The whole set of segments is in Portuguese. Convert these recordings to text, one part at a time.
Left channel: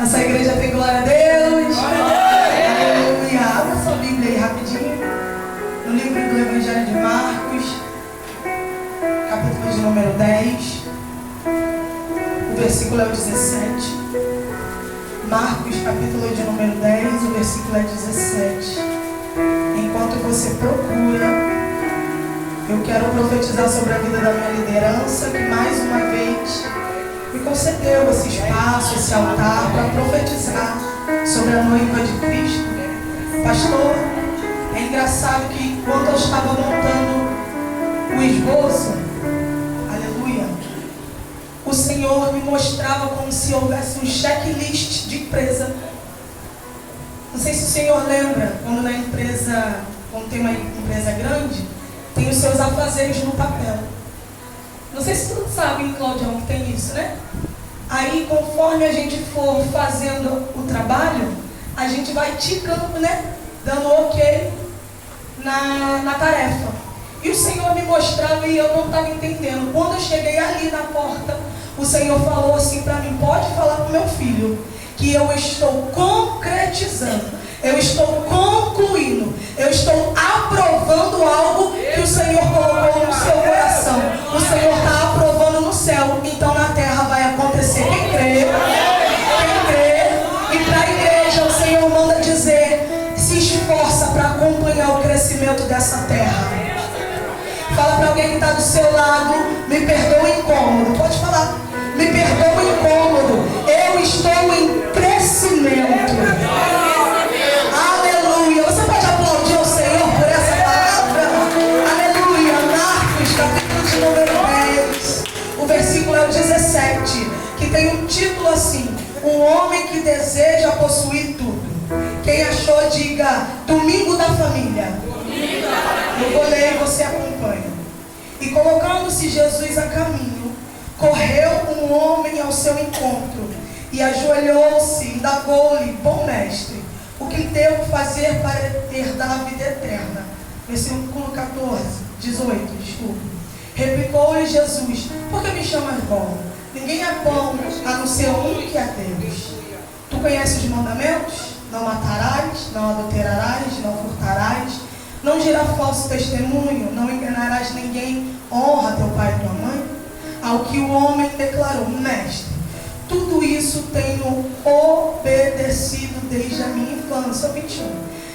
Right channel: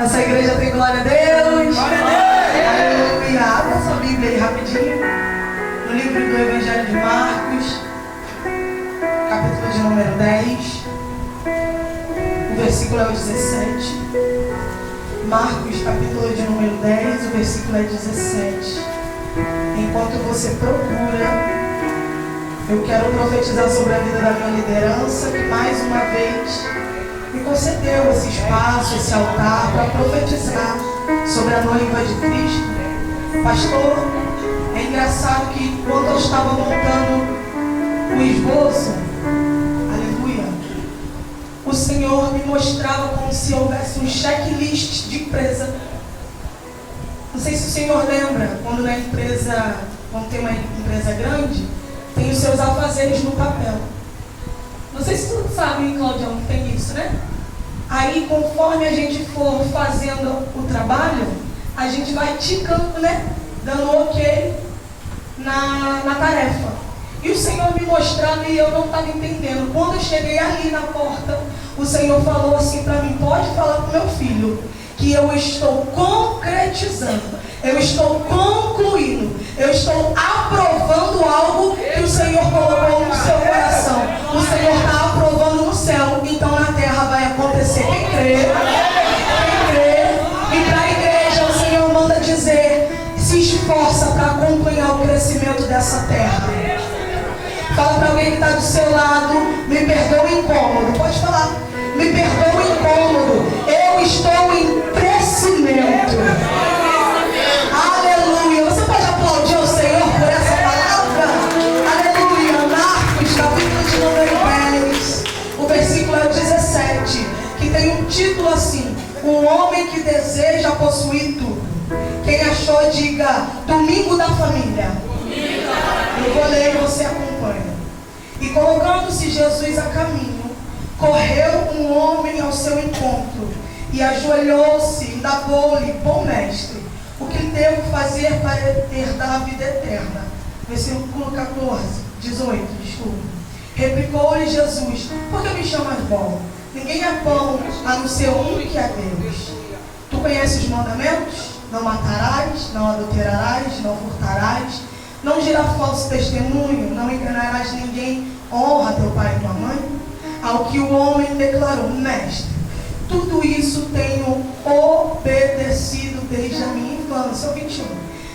Essa igreja tem glória a Deus. Glória a Deus. Aleluia. Abra sua Bíblia aí rapidinho. No livro do Evangelho de Marcos, capítulo de número 10. O versículo é o 17. Marcos, capítulo de número 10, o versículo é 17. Enquanto você procura, eu quero profetizar sobre a vida da minha liderança, que mais uma vez me concedeu esse espaço, esse altar para profetizar sobre a noiva de Cristo. Pastor, é engraçado que quando eu estava montando o esboço, aleluia, o Senhor me mostrava como se houvesse um checklist de empresa. Não sei se o Senhor lembra, quando na empresa, quando tem uma empresa grande, tem os seus afazeres no papel. Não sei se todos sabem, Claudião, que tem isso, né? Aí, conforme a gente for fazendo o trabalho, a gente vai ticando, né? Dando ok na tarefa. E o Senhor me mostrava e eu não estava entendendo. Quando eu cheguei ali na porta, o Senhor falou assim para mim: pode falar para o meu filho que eu estou concretizando, eu estou concluindo, eu estou aprovando algo que o Senhor colocou no seu coração. O Senhor está aprovando no céu, então na terra vai acontecer. Quem crê? E para a igreja o Senhor manda dizer: se esforça para acompanhar o crescimento dessa terra. Fala para alguém que está do seu lado: me perdoa o incômodo. Pode falar: me perdoa o incômodo. Eu estou em crescimento. Aleluia. Você pode aplaudir o Senhor por essa palavra? Aleluia. Marcos, capítulo de número 10, o versículo é o 17, que tem um título assim: um homem que deseja possuir tudo. Quem achou, diga: domingo da família. Eu vou ler e você acompanha. E colocando-se Jesus a caminho, correu um homem ao seu encontro e ajoelhou-se e indagou-lhe: bom mestre, o que devo fazer para herdar a vida eterna? Versículo 18, desculpa. Replicou-lhe Jesus: por que me chamas bom? Ninguém é bom a não ser um que é Deus. Tu conheces os mandamentos? Não matarás, não adulterarás, não furtarás, não dirá falso testemunho, não enganarás ninguém, honra teu pai e tua mãe. Ao que o homem declarou: mestre, tudo isso tenho obedecido desde a minha infância. 21.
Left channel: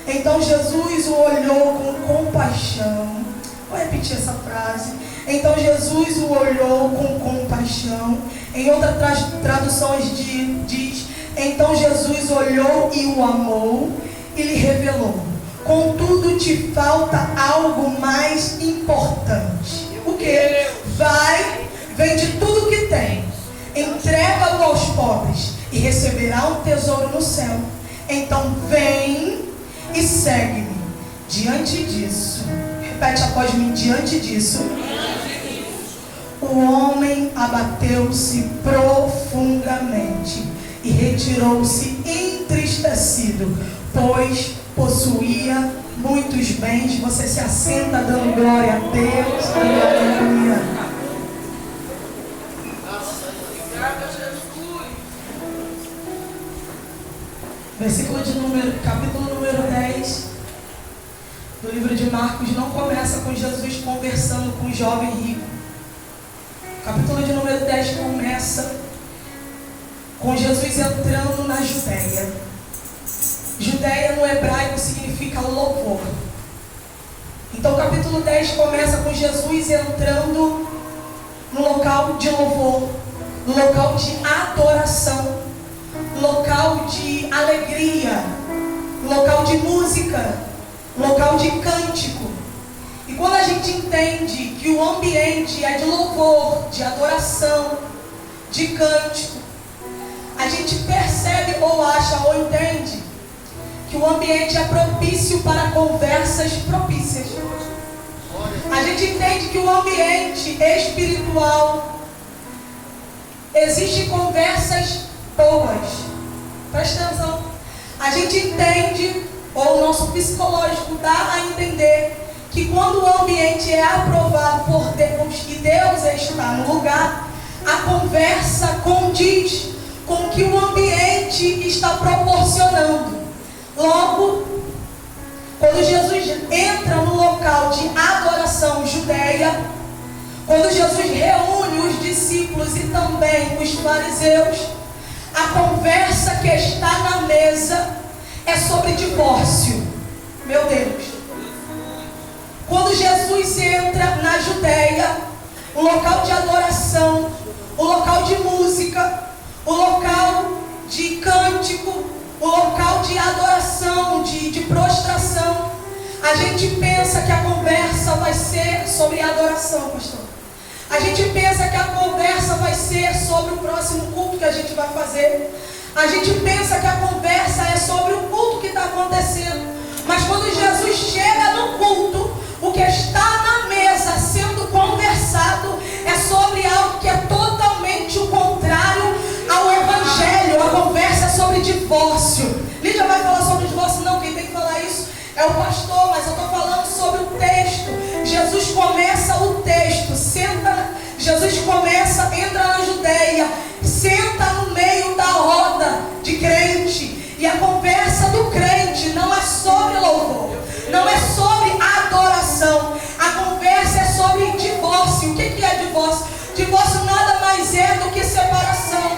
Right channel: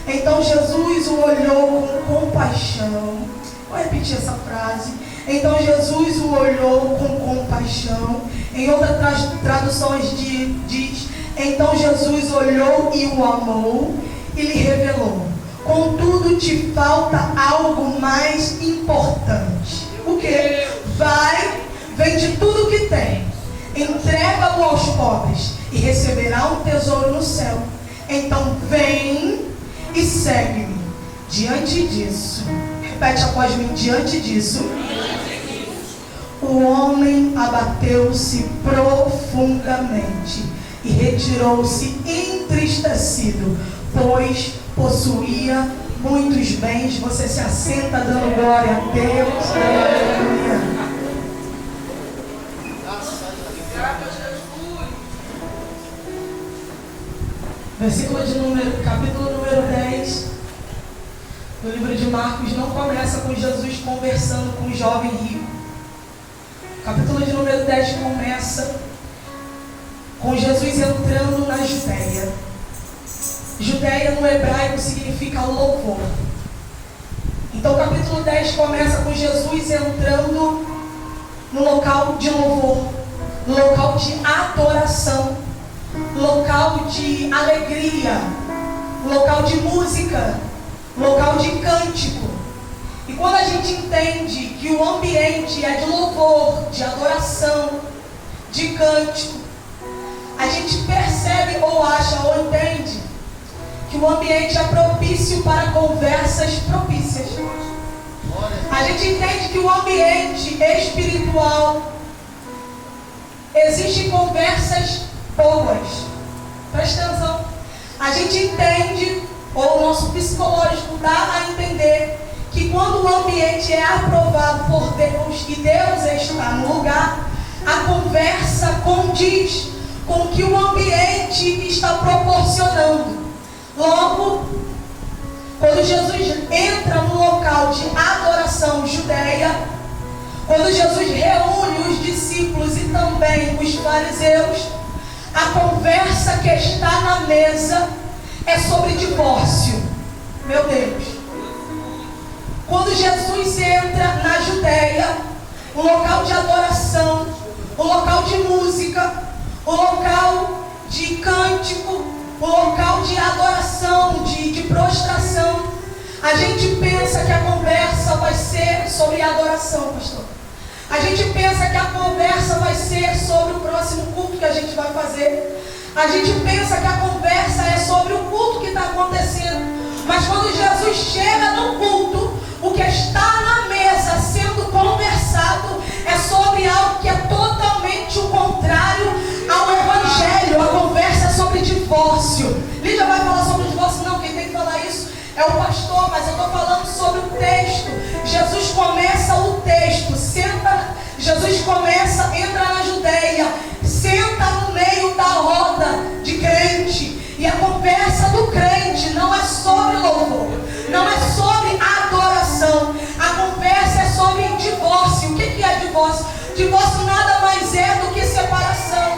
Então Jesus o olhou com compaixão. Vou repetir essa frase. Então Jesus o olhou com compaixão. Em outras traduções diz: então Jesus olhou e o amou e lhe revelou: contudo te falta algo mais importante. O que? Vai, vende tudo que tem, entrega-o aos pobres e receberá um tesouro no céu. Então vem e segue-me. Diante disso, repete após mim: diante disso, o homem abateu-se profundamente e retirou-se entristecido, pois possuía muitos bens. Você se assenta dando glória a Deus. Aleluia. Versículo de número, capítulo número 10 do livro de Marcos não começa com Jesus conversando com um jovem rico. O capítulo de número 10 começa com Jesus entrando na Judéia. Judéia no hebraico significa louvor. Então o capítulo 10 começa com Jesus entrando no local de louvor, no local de adoração, local de alegria, local de música, local de cântico. E quando a gente entende que o ambiente é de louvor, de adoração, de cântico, a gente percebe ou acha ou entende que o ambiente é propício para conversas propícias. A gente entende que o ambiente espiritual existem conversas boas. Presta atenção. A gente entende, ou o nosso psicológico dá a entender, que quando o ambiente é aprovado por Deus e Deus está no lugar, a conversa condiz com que o ambiente permitir e está proporcionando. Logo, quando Jesus entra no local de adoração judeia, quando Jesus reúne os discípulos e também os fariseus, a conversa que está na mesa é sobre divórcio. Meu Deus. Quando Jesus entra na Judeia, o local de adoração, o local de música, o local de cântico, o local de adoração, de prostração, a gente pensa que a conversa vai ser sobre adoração, pastor. A gente pensa que a conversa vai ser sobre o próximo culto que a gente vai fazer. A gente pensa que a conversa é sobre o culto que está acontecendo. Mas quando Jesus chega no culto, o que está na mesa sendo conversado é sobre algo que é totalmente o contrário ao Evangelho. A conversa é sobre divórcio. Lídia vai falar sobre divórcio? Não, quem tem que falar isso é o pastor, mas eu estou falando sobre o texto. Jesus começa o texto, Jesus começa, entra na Judeia, senta no meio da roda de crente, e a conversa do crente não é sobre louvor, não é sobre adoração, a conversa é sobre divórcio. O que é divórcio? Divórcio nada mais é do que separação,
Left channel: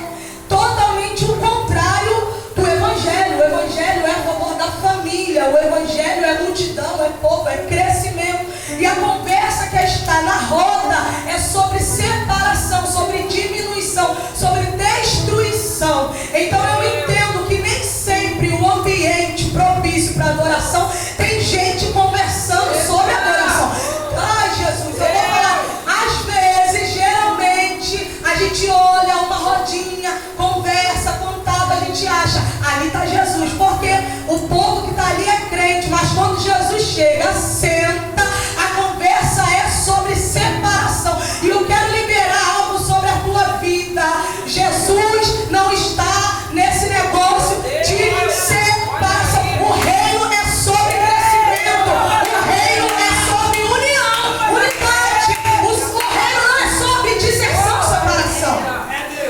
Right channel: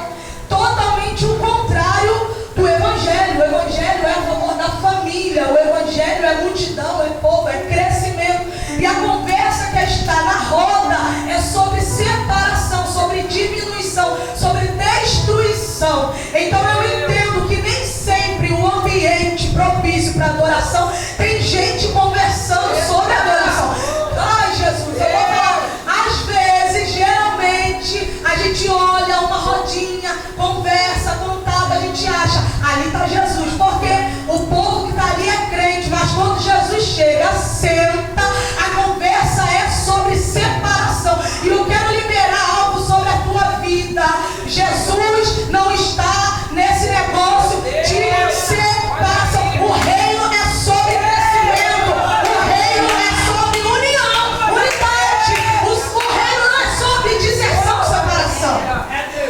totalmente o contrário do Evangelho. O Evangelho é a favor da família, o Evangelho é multidão, é povo, é crescimento, e a conversa que está na roda é sobre separação, sobre diminuição, sobre destruição. Então eu entendo que nem sempre o ambiente propício para adoração tem gente conversando sobre adoração. Ai, Jesus, eu vou falar. Às vezes, geralmente, a gente olha uma rodinha, conversa, contava, a gente acha, ali está Jesus, porque o povo que está ali é crente, mas quando Jesus chega, senta, a conversa é sobre separação. E eu quero liberar algo sobre a tua vida. Jesus não está nesse negócio de separação. O reino é sobre crescimento. O reino é sobre união, unidade. O reino não é sobre disseção, separação.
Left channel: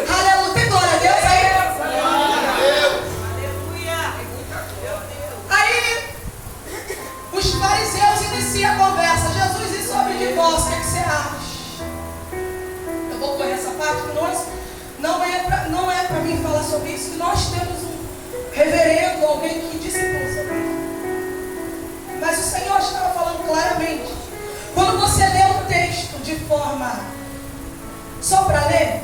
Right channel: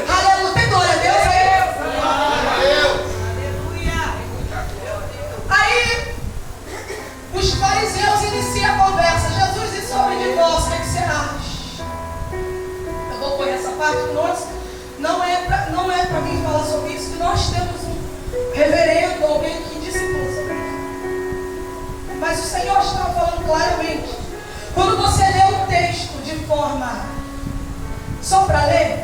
Aleluia. Tem glória a Deus aí? Aí, os fariseus iniciam a conversa. Jesus, e sobre divórcio, o que é que você acha? Eu vou correr essa parte que nós não é para mim falar sobre isso, que nós temos um reverendo, alguém que discipula sobre isso. Mas o Senhor estava falando claramente. Quando você lê o texto de forma só para ler,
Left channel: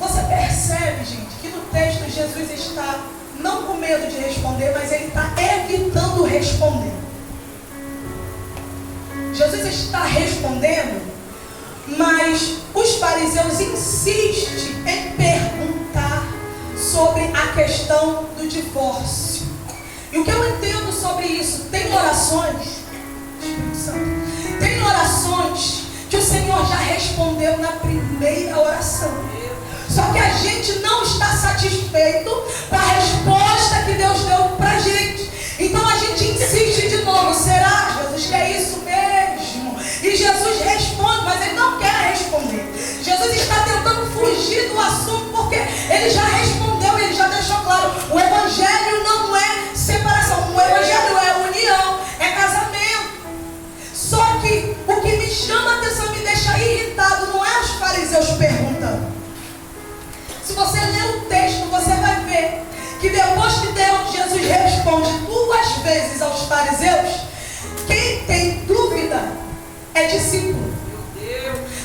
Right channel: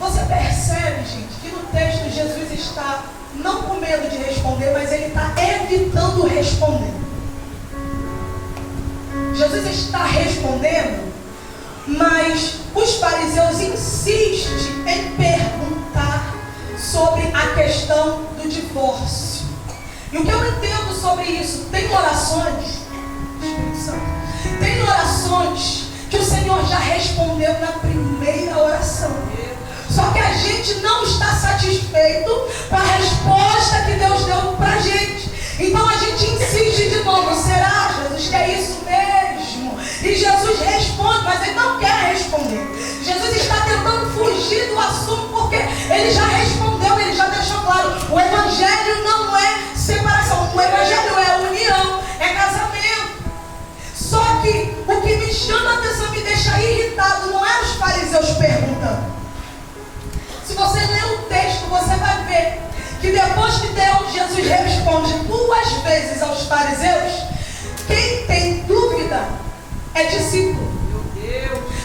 você percebe, gente, que no texto Jesus está não com medo de responder, mas ele está evitando responder. Jesus está respondendo, mas os fariseus insistem em perguntar sobre a questão do divórcio. E o que eu entendo sobre isso? Tem orações, Espírito Santo, tem orações que o Senhor já respondeu na primeira oração. Só que a gente não está satisfeito com a resposta que Deus deu para a gente. Então a gente insiste de novo. Será, Jesus, que é isso mesmo? E Jesus responde, mas ele não quer responder. Jesus está tentando fugir do assunto porque ele já respondeu, ele já deixou claro. O Evangelho não é separação, o Evangelho é união, é casamento. Só que o que me chama a atenção, me deixa irritado, não é os fariseus perguntando. Se você ler o texto, você vai ver que depois que Jesus responde 2 vezes aos fariseus, quem tem dúvida é discípulo.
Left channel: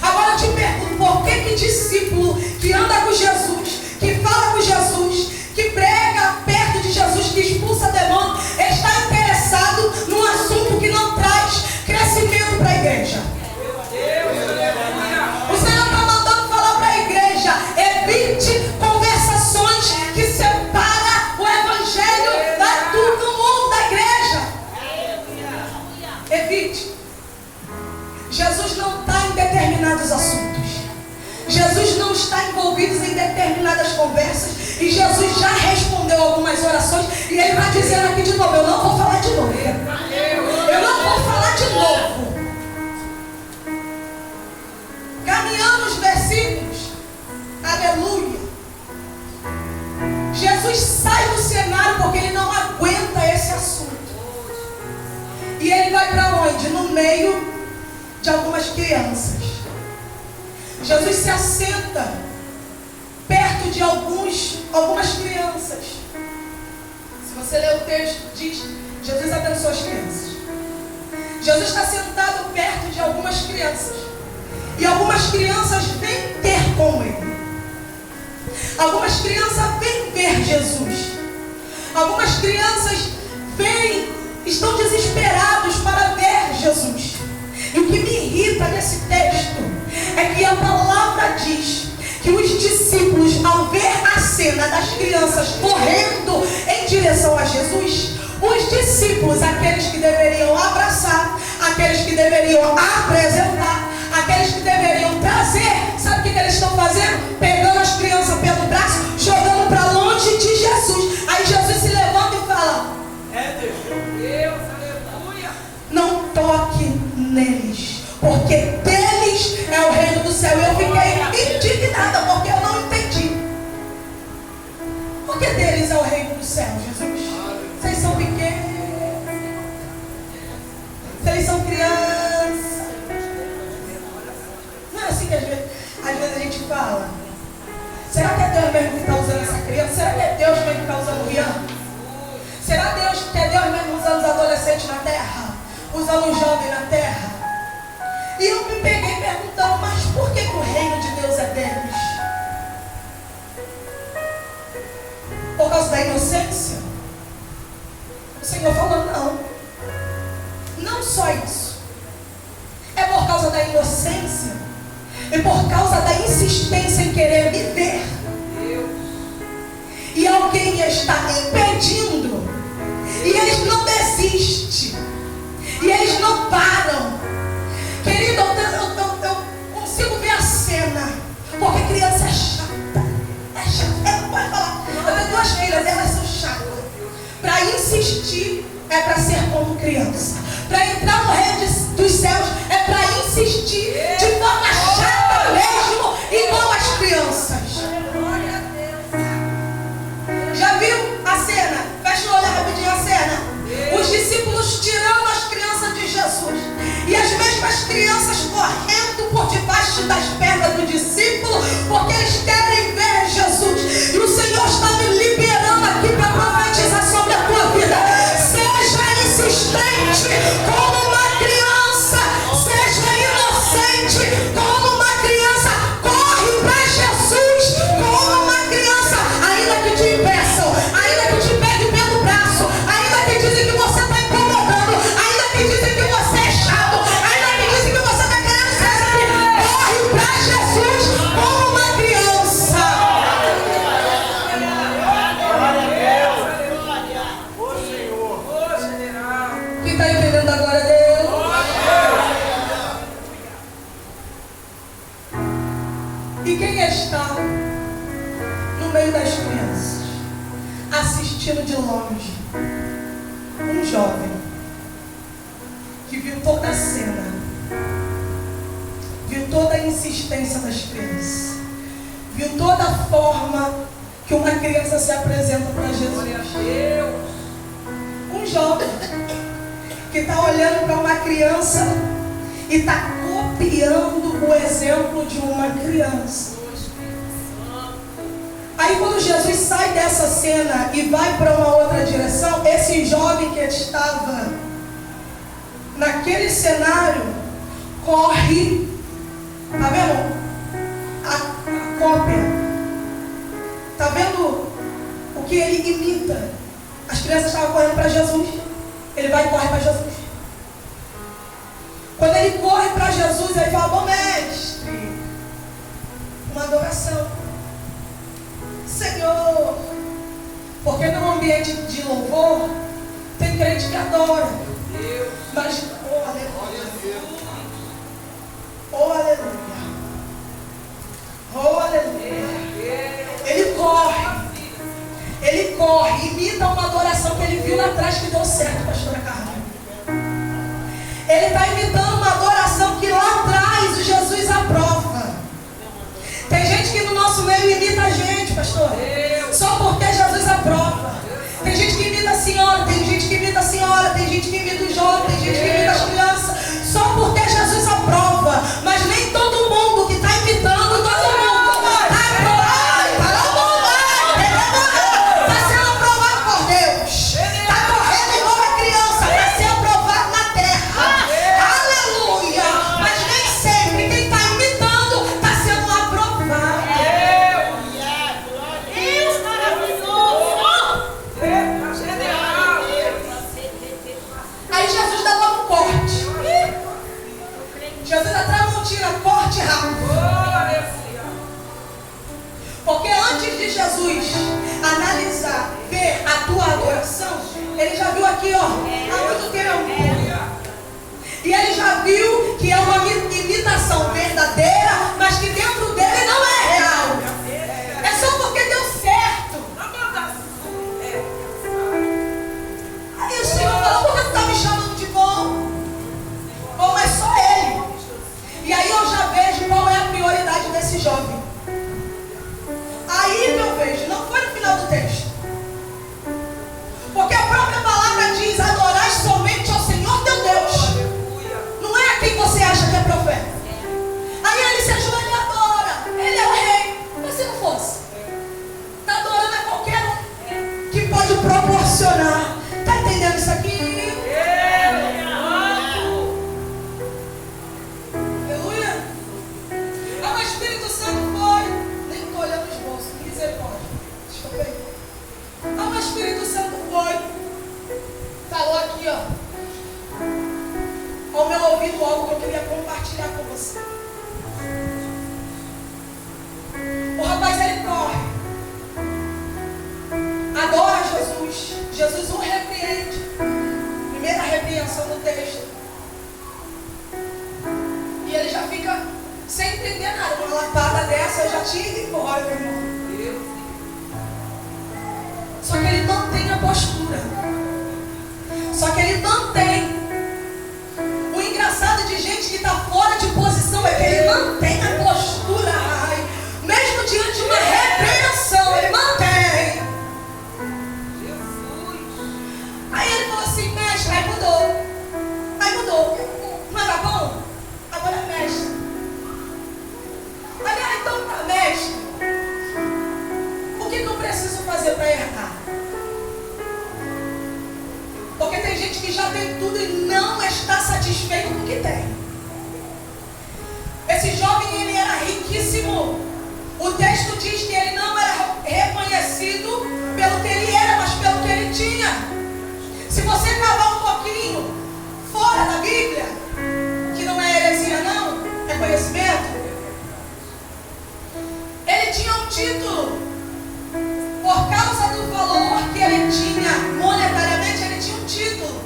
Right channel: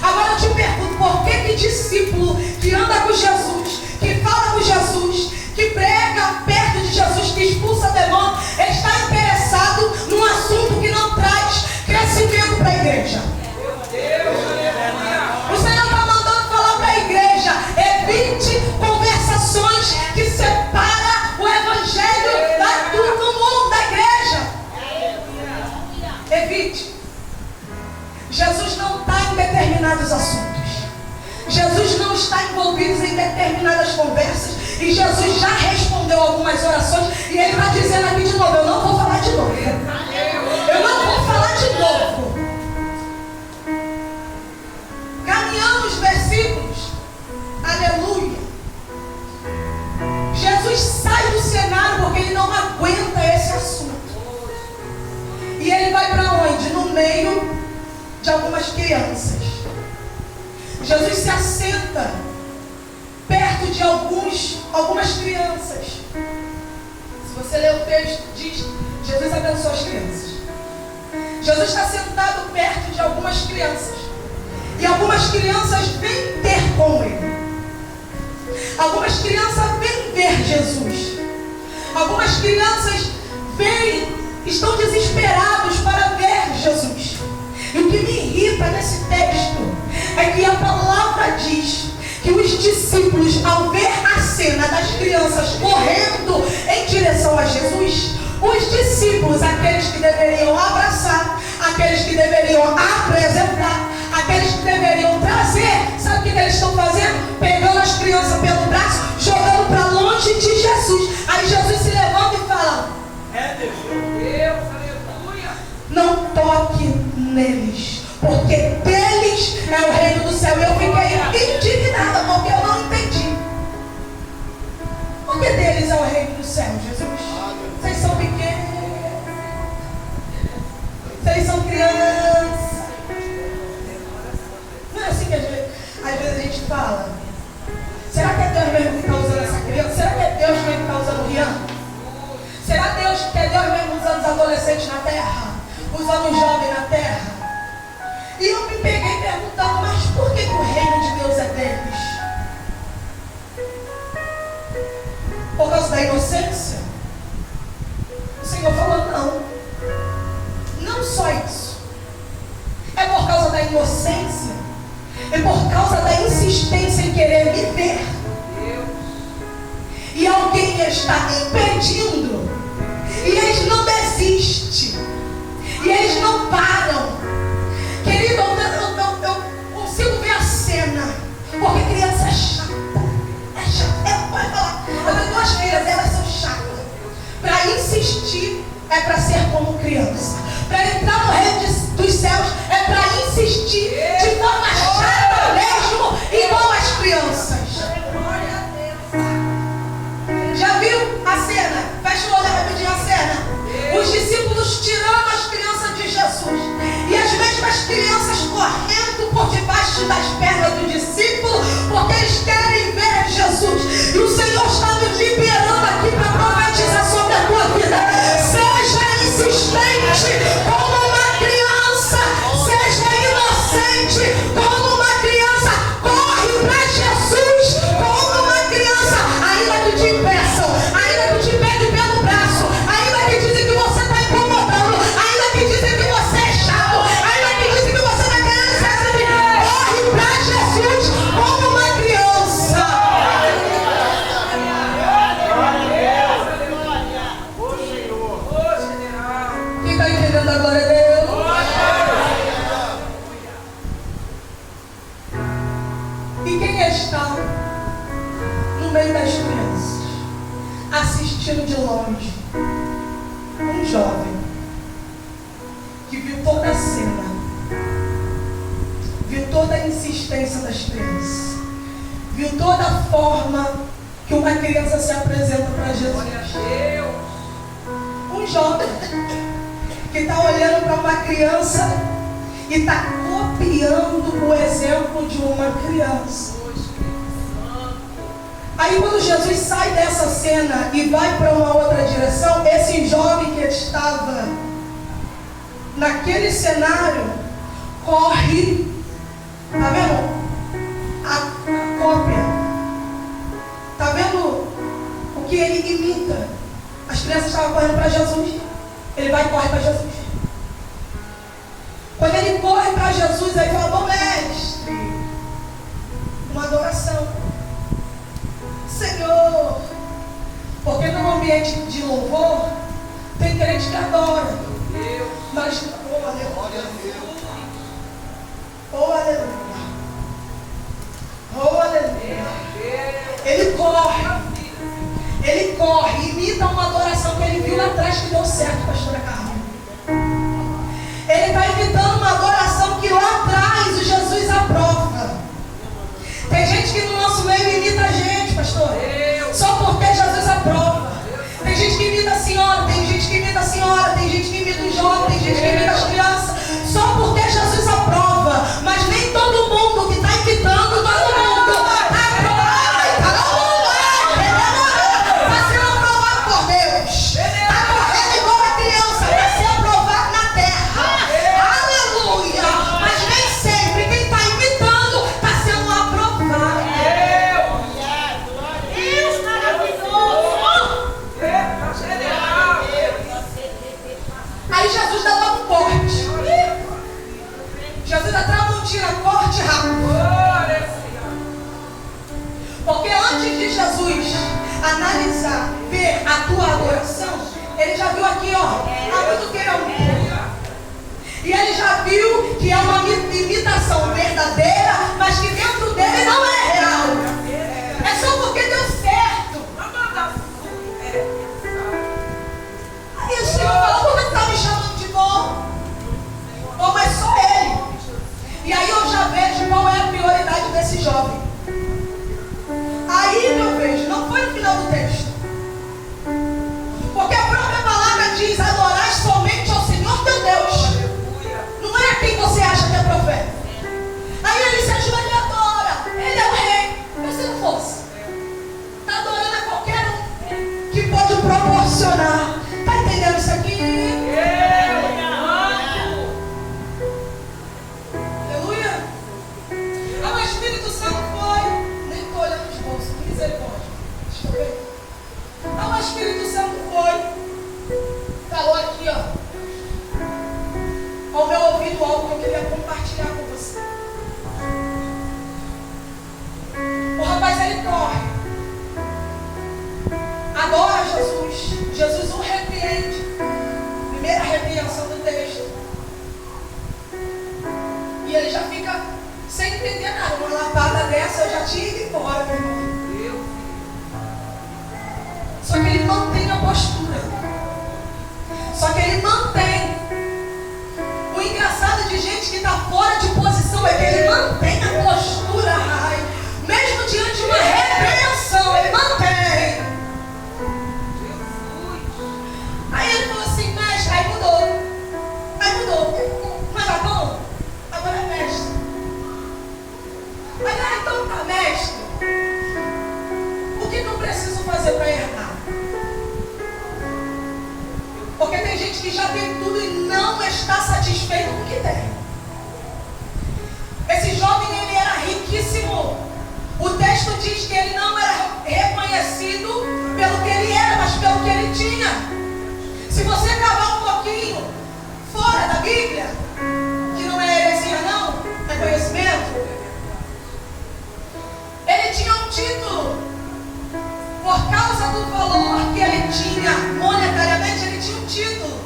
Agora eu te pergunto, por que discípulo que anda com Jesus, que fala com Jesus, que prega perto de Jesus, que expulsa demônio, está interessado num assunto que não traz crescimento para a igreja? O Senhor está mandando falar para a igreja: evite conversações que separam o Evangelho do mundo da igreja. Evite. Jesus não está em determinados assuntos. Jesus não está envolvido em determinadas conversas. E Jesus já respondeu algumas orações. E ele está dizendo aqui de novo: eu não vou falar de novo. Eu não vou falar de novo. Caminhando os versículos. Aleluia. Jesus sai ele não aguenta esse assunto. E ele vai para onde? No meio de algumas crianças. Jesus se assenta perto de algumas crianças. Se você ler o texto, diz: Jesus abençoou as crianças. Jesus está sentado perto de algumas crianças. E algumas crianças vêm ter com ele. Algumas crianças vêm ver Jesus. Algumas crianças estão desesperados para ver Jesus. E o que me irrita nesse texto é que a palavra diz que os discípulos, ao ver a cena das crianças correndo em direção a Jesus, os discípulos, aqueles que deveriam abraçar, aqueles que deveriam apresentar, aqueles que deveriam trazer, sabe o que eles estão fazendo? Pegando as crianças pelo braço, jogando para longe de Jesus. Aí Jesus se levanta e fala: Deus, aleluia, não toque neles, porque deles é o reino do céu. Eu fiquei indignada porque eu não entendi. Por que deles é o reino do céu, Jesus? Vocês são pequenos, vocês são crianças. Não é assim que às vezes a gente fala? Será que é Deus mesmo que está usando essa criança? Será que é Deus mesmo que está usando o Rian? Será que é Deus mesmo usando os adolescentes na terra? Usando os jovens na terra? E eu me peguei perguntando: mas por que o reino de Deus é deles? Por causa da inocência? O Senhor falou: não. Não só isso. É por causa da inocência. É por causa da insistência em querer me ver. E alguém está impedindo. E eles não desistem. E eles não param. Querido, eu consigo ver a cena. Porque criança é chata. É chata. Pode falar. Eu tenho duas filhas, elas são chatas. Para insistir é para ser como criança. Para entrar no reino dos céus é para insistir de forma chata mesmo, igual as crianças. Já viu a cena? Fecha o olho rapidinho a cena. Os discípulos tirando as crianças de Jesus. E as mesmas crianças correndo por debaixo das pernas do discípulo, porque eles querem ver Jesus. E o Senhor está me liberando aqui para profetizar sobre a tua vida. Seja insistente como uma criança. Seja inocente como uma criança. Corre para Jesus como uma criança. Ainda que te impeçam, ainda que te peguem pelo braço, ainda que dizem que você está incomodando, ainda que dizem que você é chato, ainda que dizem que você está querendo ser assim. Corre para Jesus como uma criança. Quem está entendendo a glória dele? E quem está no meio das crianças, assistindo de longe? Um jovem que viu toda a cena, viu toda a insistência das crianças, viu toda a forma que uma criança se apresenta para Jesus. Um jovem que está olhando para uma criança e está copiando o exemplo de uma criança. Aí quando Jesus sai dessa cena e vai para uma outra direção, esse jovem que estava naquele cenário corre. Tá vendo? A cópia. Tá vendo o que ele imita? As crianças estavam correndo para Jesus. Ele vai e corre para Jesus. Quando ele corre para Jesus, ele fala: bom mestre, uma adoração. Senhor, porque num ambiente de louvor tem crente que adora, mas oh aleluia, oh aleluia, oh aleluia. Ele corre, imita uma adoração que ele viu lá atrás que deu certo, pastora Carla. Ele está imitando uma adoração que lá atrás Jesus aprova. Tem gente que no nosso meio imita a gente, pastor, só porque Jesus aprova. Tem gente que imita texto. E ele já fica sem entender nada. Uma lapada dessa eu já tinha ido embora, meu irmão. Só que ele mantém a postura. Só que ele mantém. O engraçado de gente que está fora de posição é que ele mantém a postura. Ai, mesmo diante de uma repreensão, ele mantém. Aí ele falou assim, mestre, aí mudou. Não era bom? Agora é mestre. Aí então tá, mestre. O que eu preciso fazer para herdar? Porque tem gente que já tem tudo e não está satisfeito com o que tem. Esse jovem, ele era riquíssimo. O texto diz que ele não era reconhecido pelo que ele era, mas pelo que ele tinha. Se você cavar um pouquinho fora da Bíblia, que não é heresia não, é conhecimento, ele tinha um título. Por causa do valor que ele tinha monetariamente, ele tinha um título.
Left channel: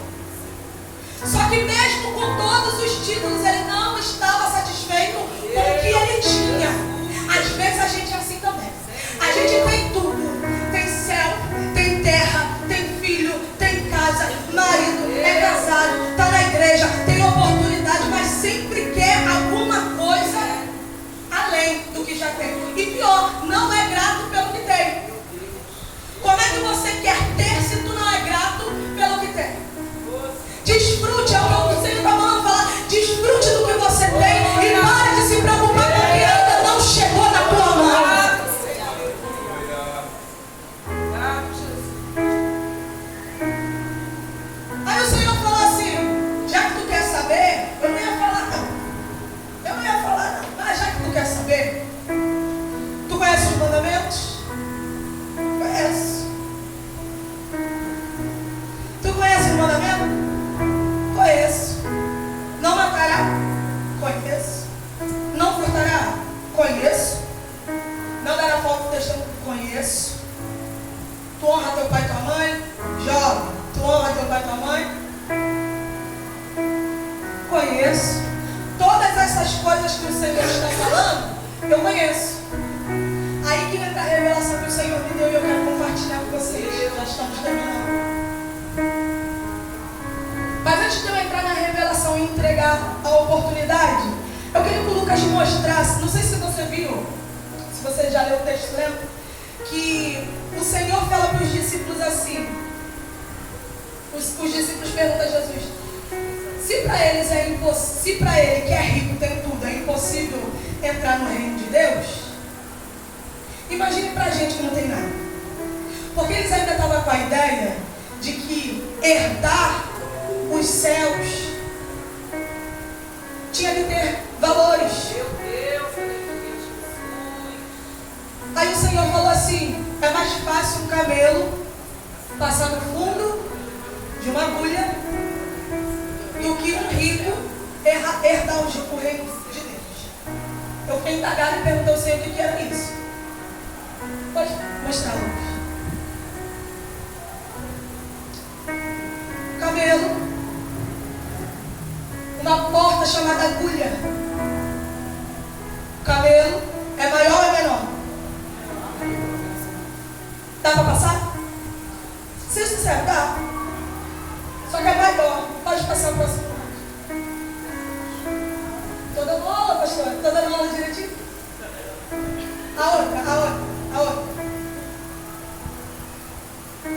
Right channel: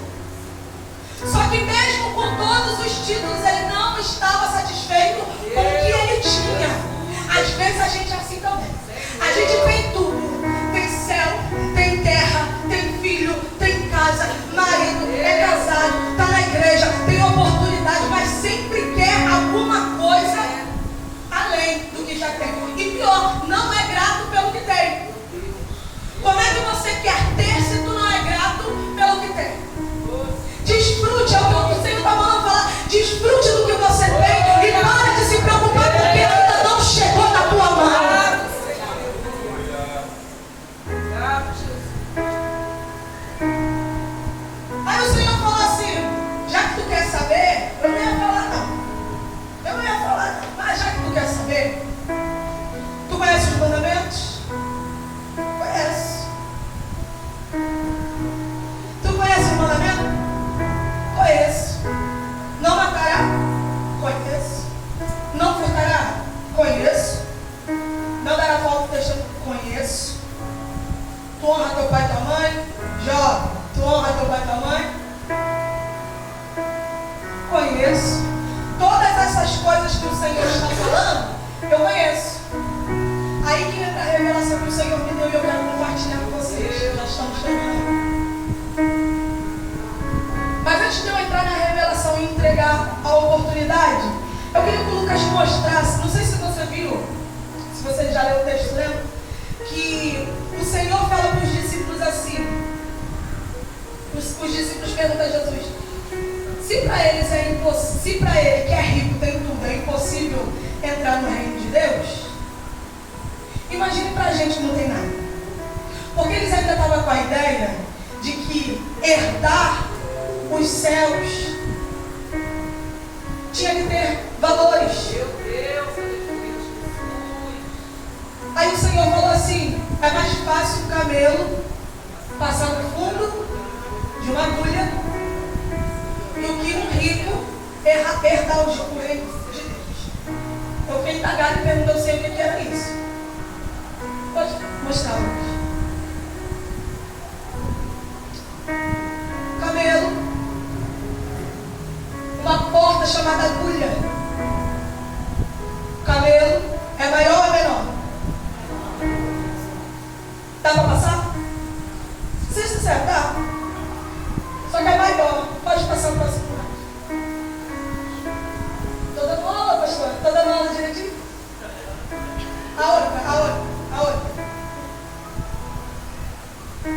Só que mesmo com todos os títulos, ele não estava satisfeito com o que ele tinha. Às vezes a gente é assim também. A gente tem tudo. Tem céu, tem terra, tem filho, tem casa, marido, é casado, está na igreja, tem oportunidade, mas sempre quer alguma coisa além do que já tem. E pior, não é grato pelo que tem. Como é que você quer ter se tu não é grato pelo que tem? Desfrute, é o que o Senhor está mandando falar. Desfrute do que você tem e para de se preocupar porque ainda não chegou na tua mão. Aí o Senhor falou assim, já que tu quer saber, eu não ia falar não, mas já que tu quer saber, tu conhece os mandamentos? Conhece. Tu conhece o mandamento? Conheço. Não matará? Conheço. Não furtará? Conheço. Não dará falso testemunho? Conheço. Tu honra teu pai e tua mãe? Jovem, tu honra teu pai e tua mãe? Conheço. Todas essas coisas que o Senhor está falando, eu conheço. Aí que entra a revelação que o Senhor me deu e eu quero compartilhar com vocês. Nós estamos terminando. Mas antes de eu entrar na revelação e entregar a oportunidade, eu queria que o Lucas mostrasse, não sei se você viu, se você já leu o texto, lembra? Que o Senhor fala para os discípulos assim. Os discípulos perguntam a Jesus: se para eles é impossível, se para ele que é rico tem tudo, é impossível entrar no reino de Deus, imagine para a gente que não tem nada. Porque eles ainda estavam com a ideia de que herdar os céus tinha que ter valores. Meu Deus, aí o Senhor falou assim: é mais fácil um camelo passar no fundo de uma agulha do que um rico herdar o reino de Deus. Eu fiquei indagado e perguntei ao Senhor o que era isso. Pode mostrar, Lucas. Camelo, uma porta chamada agulha. O camelo é maior ou menor? Dá para passar? Se sincero, dá. Só que é maior. Pode passar o próximo lado. Tô dando aula, pastor? Tô dando aula direitinho? A outra.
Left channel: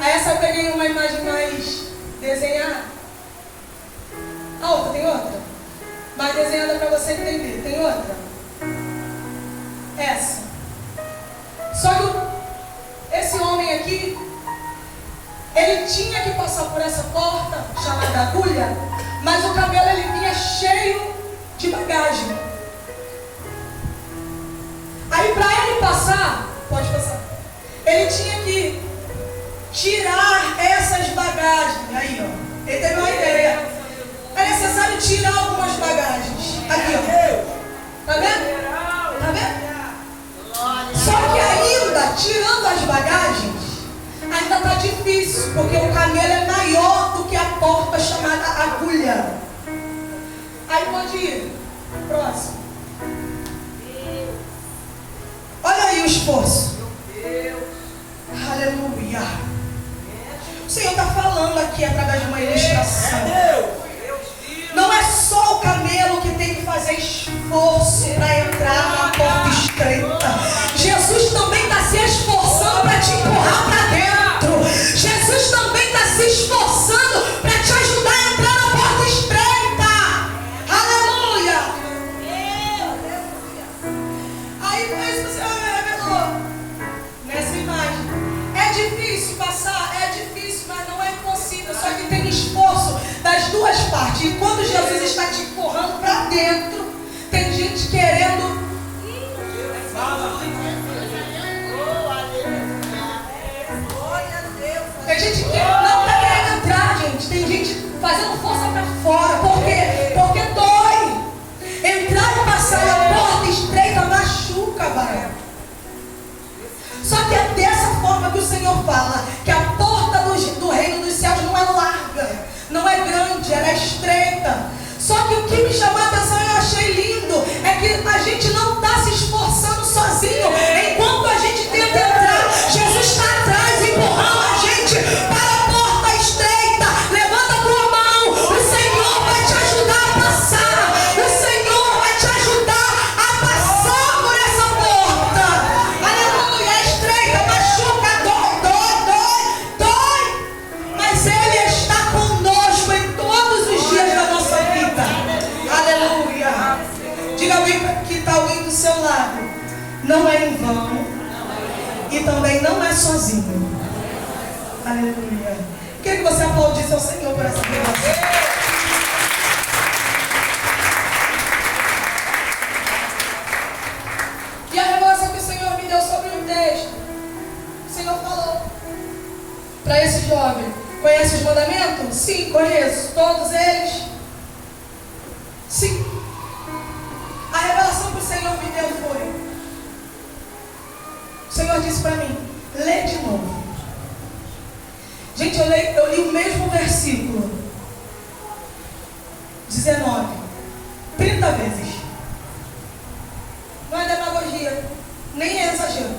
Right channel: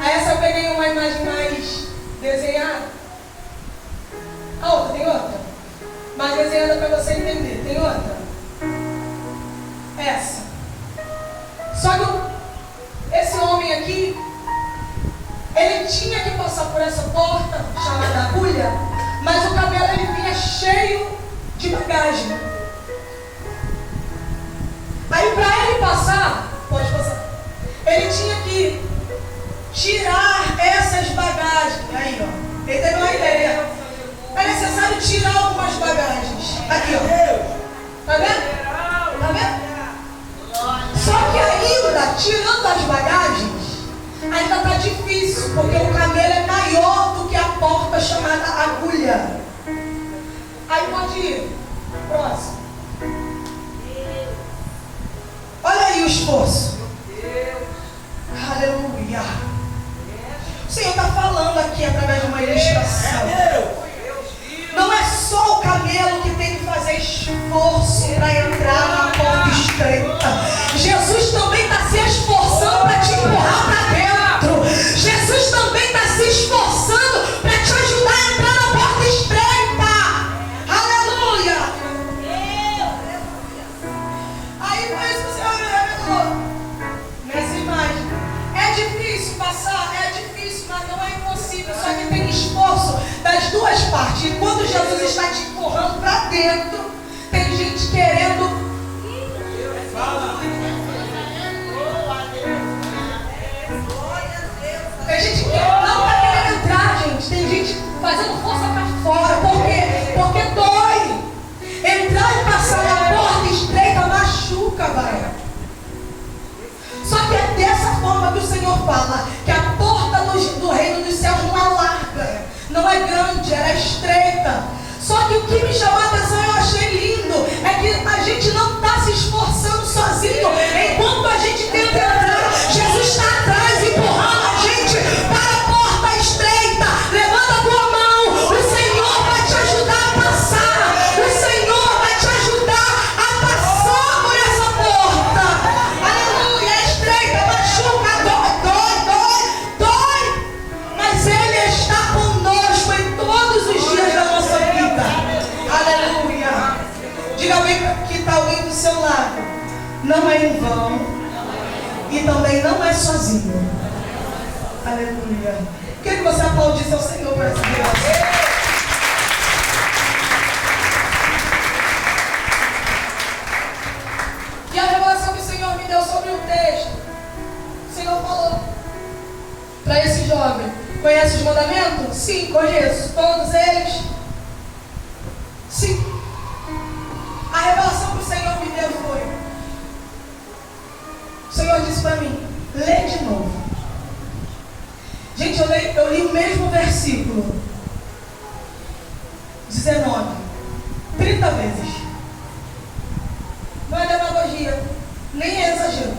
Aí essa eu peguei uma imagem mais desenhada. A outra, tem outra? Mais desenhada para você entender. Tem outra? Essa. Só que esse homem aqui, ele tinha que passar por essa porta chamada agulha, mas o camelo ele vinha cheio de bagagem. Aí para ele passar, pode passar, ele tinha que tirar essas bagagens. Aí, ó, ele teve uma ideia. É necessário tirar algumas bagagens. Aqui, ó. Tá vendo? Tá vendo? Só que ainda, tirando as bagagens, ainda tá difícil, porque o camelo é maior do que a porta chamada agulha. ir. Próximo. Olha aí o esforço. Aleluia. O Senhor está falando aqui através de uma ilustração. Não é só o camelo que tem que fazer esforço para entrar na porta estreita. Jesus também está se esforçando para te empurrar para dentro. Jesus também está se esforçando para te ajudar a entrar na porta estreita. Aleluia. Aí mas o Senhor revelou nessa imagem. É difícil passar, é difícil, mas não é impossível. Só que tem esforço das duas partes. E quando Jesus está te empurrando para dentro, tem gente querendo. Tem gente que não está querendo entrar, gente. Tem gente fazendo força para fora. Por quê? Porque dói. Entrar e passar na porta estreita machuca, vai. Só que é dessa forma que o Senhor fala que a porta do reino dos céus não é larga, não é grande, ela é estreita. Só que o que me chamou a atenção e eu achei lindo é que a gente não está se esforçando sozinho. Enquanto a gente tenta entrar, Jesus está atrás, empurrando a gente para a porta estreita. Levanta a tua mão, o Senhor vai te ajudar a passar. O Senhor vai te ajudar a passar por essa porta. Aleluia, é estreita, machuca, dói. Mas Ele está conosco em todos os dias da nossa vida. Aleluia. Diga bem que está alguém do seu lado. Não é em vão. E também não é sozinho. Aleluia. Queria que você aplaudisse ao Senhor por essa revelação. E a revelação que o Senhor me deu sobre um texto. O Senhor falou para esse jovem: conhece os mandamentos? Sim, conheço. Todos eles? Sim. A revelação que o Senhor me deu foi: o Senhor disse para mim, lê de novo. Gente, eu li o mesmo versículo 19 30 vezes. Não é demagogia, nem é exagero.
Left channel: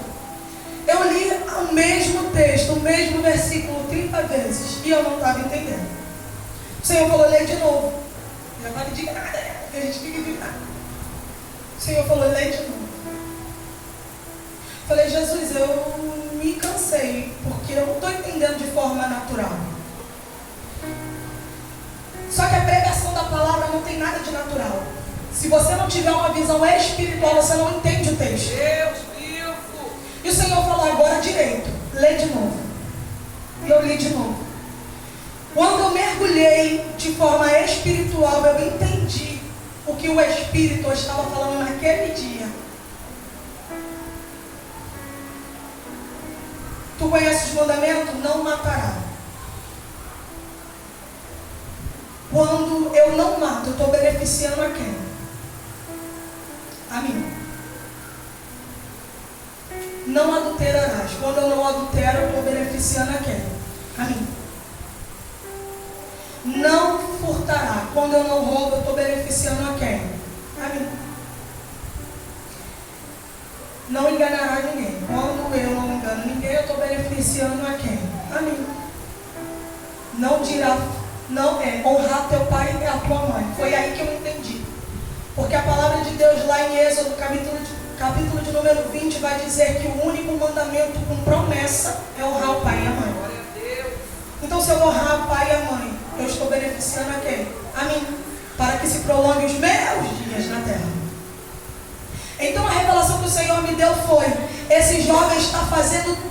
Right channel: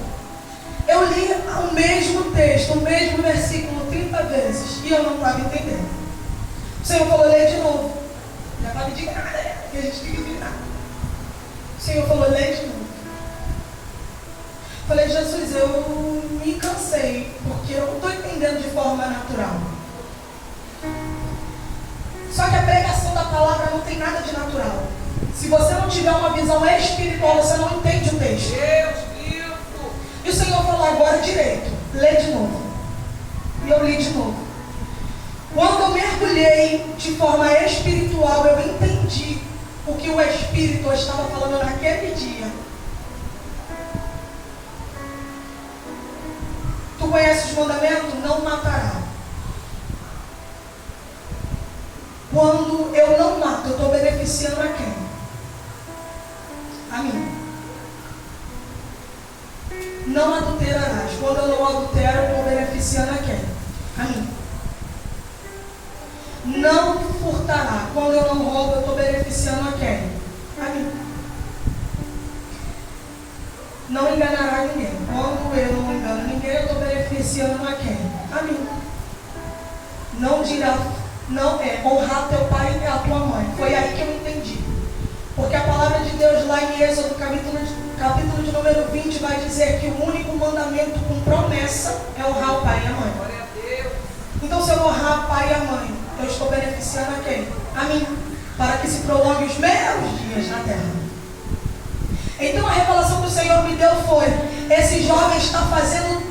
Eu li o mesmo texto, o mesmo versículo 30 vezes e eu não estava entendendo. O Senhor falou, lê de novo. Já estava indignada, porque a gente fica indignado. O Senhor falou, lê de novo. Falei, Jesus, eu me cansei, porque eu não estou entendendo de forma natural. Só que a pregação da palavra não tem nada de natural. Se você não tiver uma visão espiritual, você não entende o texto. E o Senhor falou, agora direito, lê de novo. E eu li de novo. Quando eu mergulhei de forma espiritual, eu entendi o que o Espírito estava falando naquele dia. Tu conheces os mandamentos? Não matará. Quando eu não mato, eu estou beneficiando a quem? A mim. Não adulterarás. Quando eu não adultero, eu estou beneficiando a quem? A mim. Não furtará. Quando eu não roubo, eu estou beneficiando a quem? A mim. Não enganará ninguém. Quando eu não engano ninguém, eu estou beneficiando a quem? A mim. Não dirá, não é honrar teu pai e a tua mãe. Foi aí que eu entendi. Porque a palavra de Deus lá em Êxodo, capítulo de número 20, vai dizer que o único mandamento com promessa é honrar o pai e a mãe. Então, se eu honrar o pai e a mãe, eu estou beneficiando a quem? A mim. Para que se prolongue os meus dias na terra. Então a revelação que o Senhor me deu foi: esse jovem está fazendo